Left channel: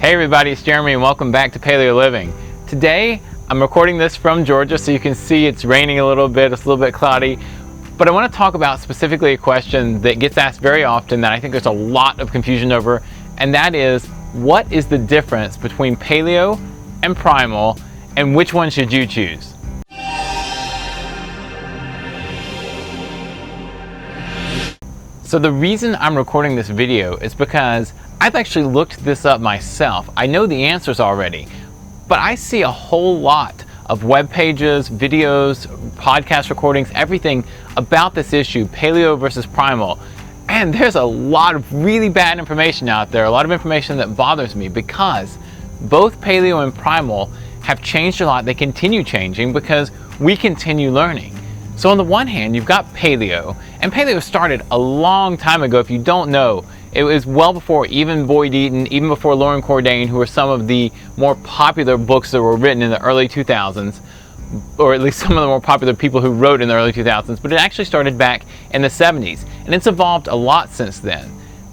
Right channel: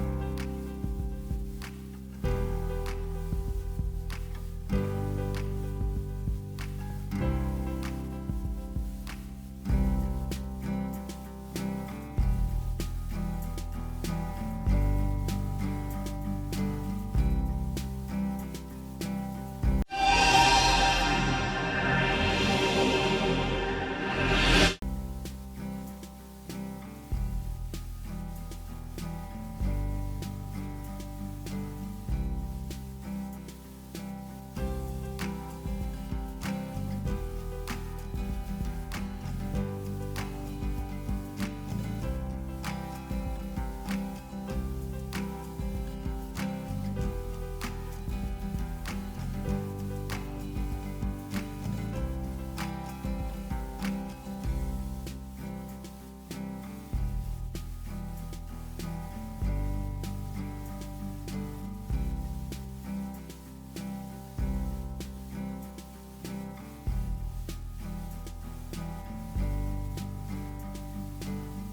Hey everybody, it's Jeremy and welcome back to Paleo Living. Today, I'm recording this from Georgia, so you can see it's raining a little bit, it's a little bit cloudy. But I want to talk about specifically a question that gets asked very often that I think there's a lot of confusion over, and that is, what is the difference between Paleo and Primal, and which one should you choose? So the reason I'm recording this video is because I've actually looked this up myself. I know the answers already, but I see a whole lot of web pages, videos, podcast recordings, everything about this issue, Paleo versus Primal. And there's a lot of really bad information out there, a lot of information that bothers me because both Paleo and Primal have changed a lot. They continue changing because we continue learning. So on the one hand, you've got Paleo, and Paleo started a long time ago. If you don't know, it was well before even Boyd Eaton, even before Lauren Cordain, who were some of the more popular books that were written in the early 2000s, or at least some of the more popular people who wrote in the early 2000s, but it actually started back in the 70s, and it's evolved a lot since then.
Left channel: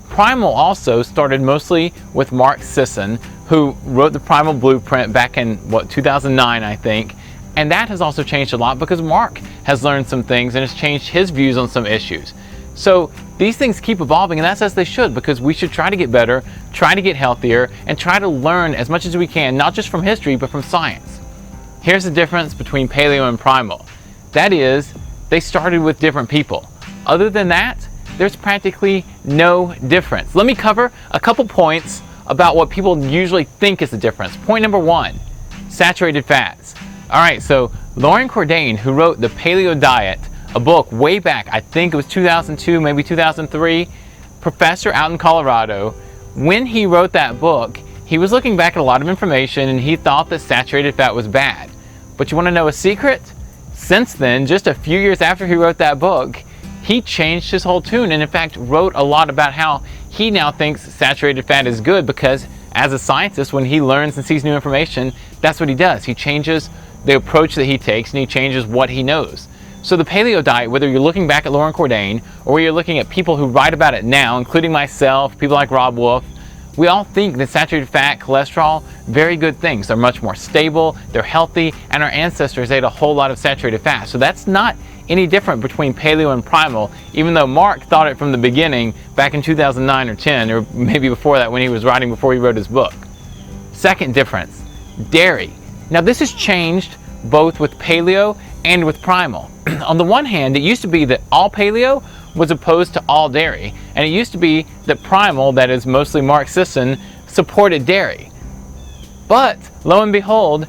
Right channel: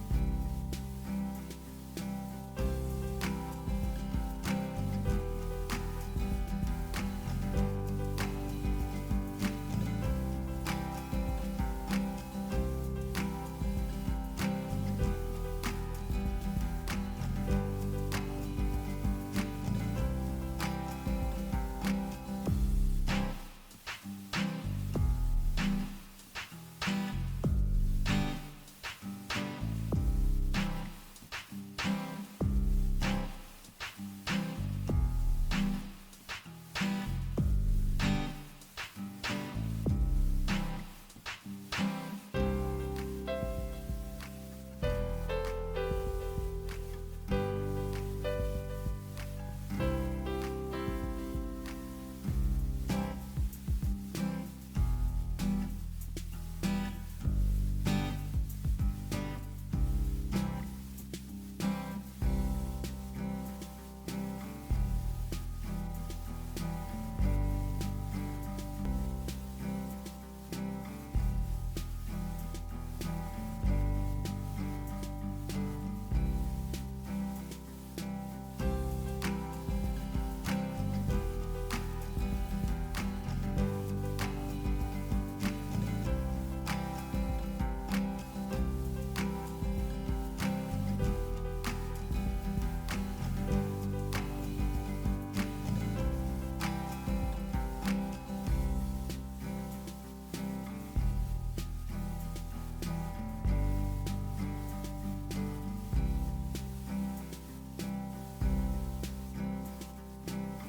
Primal also started mostly with Mark Sisson, who wrote the Primal Blueprint back in, 2009, I think, and that has also changed a lot because Mark has learned some things and has changed his views on some issues. So these things keep evolving, and that's as they should, because we should try to get better, try to get healthier, and try to learn as much as we can, not just from history, but from science. Here's the difference between Paleo and Primal. That is, they started with different people. Other than that, there's practically no difference. Let me cover a couple points about what people usually think is the difference. Point number one, saturated fats. All right, so Lauren Cordain, who wrote the Paleo Diet, a book way back, I think it was 2002, maybe 2003, professor out in Colorado. When he wrote that book, he was looking back at a lot of information and he thought that saturated fat was bad. But you want to know a secret? Since then, just a few years after he wrote that book, he changed his whole tune and in fact wrote a lot about how he now thinks saturated fat is good because as a scientist, when he learns and sees new information, that's what he does. He changes the approach that he takes and he changes what he knows. So the Paleo diet, whether you're looking back at Lauren Cordain or you're looking at people who write about it now, including myself, people like Rob Wolf, we all think that saturated fat, cholesterol, very good things. They're much more stable, they're healthy, and our ancestors ate a whole lot of saturated fat. So that's not any different between Paleo and Primal, even though Mark thought it from the beginning back in 2009 or 10, or maybe before that when he was writing before he wrote his book. Second difference, dairy. Now this has changed both with Paleo and with Primal. On the one hand, it used to be that all Paleo was opposed to all dairy, and it used to be that Primal, that is mostly Mark Sisson, supported dairy. But lo and behold,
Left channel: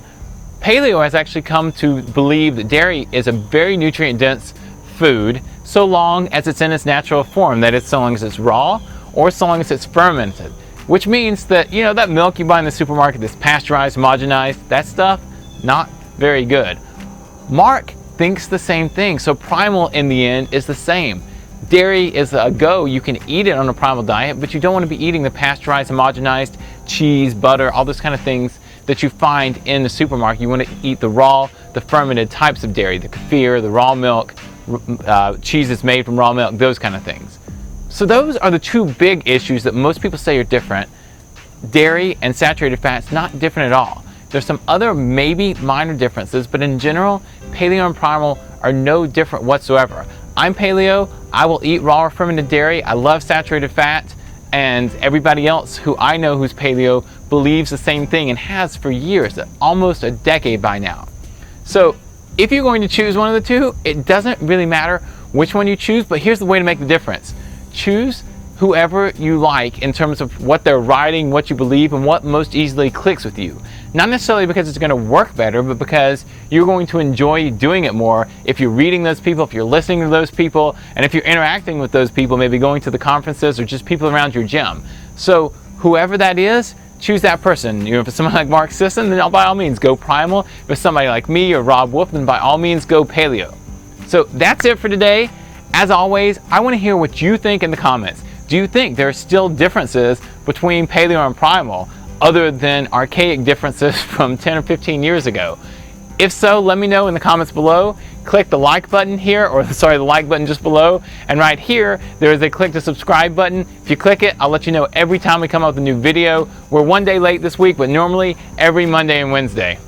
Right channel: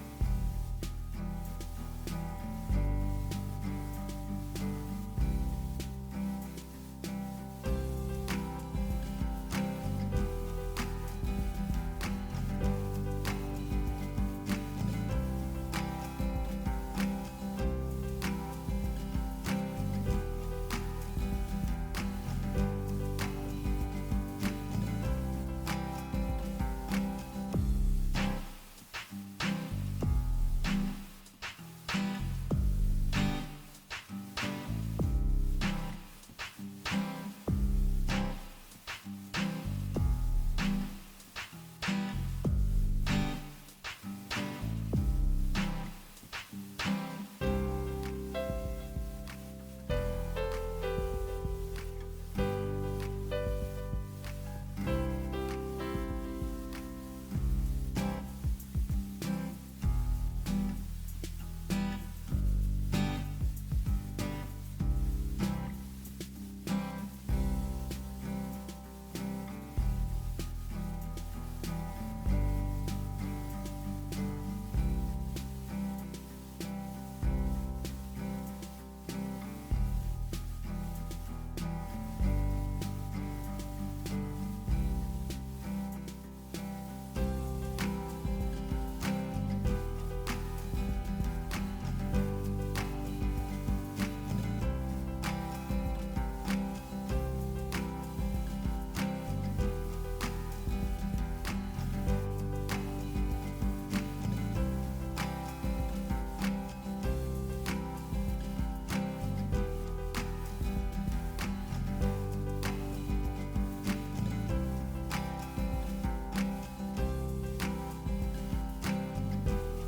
Paleo has actually come to believe that dairy is a very nutrient-dense food so long as it's in its natural form, that is, so long as it's raw or so long as it's fermented. Which means that, you know, that milk you buy in the supermarket that's pasteurized, homogenized, that stuff, not very good. Mark thinks the same thing, so Primal in the end is the same. Dairy is a go, you can eat it on a Primal diet, but you don't want to be eating the pasteurized, homogenized cheese, butter, all those kind of things that you find in the supermarket. You want to eat the raw, the fermented types of dairy, the kefir, the raw milk, cheese that's made from raw milk, those kind of things. So those are the two big issues that most people say are different. Dairy and saturated fats, not different at all. There's some other maybe minor differences, but in general, Paleo and Primal are no different whatsoever. I'm Paleo, I will eat raw or fermented dairy, I love saturated fat, and everybody else who I know who's Paleo believes the same thing and has for years, almost a decade by now. So if you're going to choose one of the two, it doesn't really matter which one you choose, but here's the way to make the difference. Choose whoever you like in terms of what they're writing, what you believe, and what most easily clicks with you. Not necessarily because it's going to work better, but because you're going to enjoy doing it more if you're reading those people, if you're listening to those people, and if you're interacting with those people, maybe going to the conferences or just people around your gym. So whoever that is, choose that person. You know, if it's someone like Mark Sisson, then by all means go Primal. If it's somebody like me or Rob Wolf, then by all means go Paleo. So that's it for today. As always, I want to hear what you think in the comments. Do you think there are still differences between Paleo and Primal, other than archaic differences from 10 or 15 years ago? If so, let me know in the comments below. Click the like button here, or sorry, the like button just below, and right here there is a click to subscribe button. If you click it, I'll let you know every time we come out with a new video. We're one day late this week, but normally every Monday and Wednesday.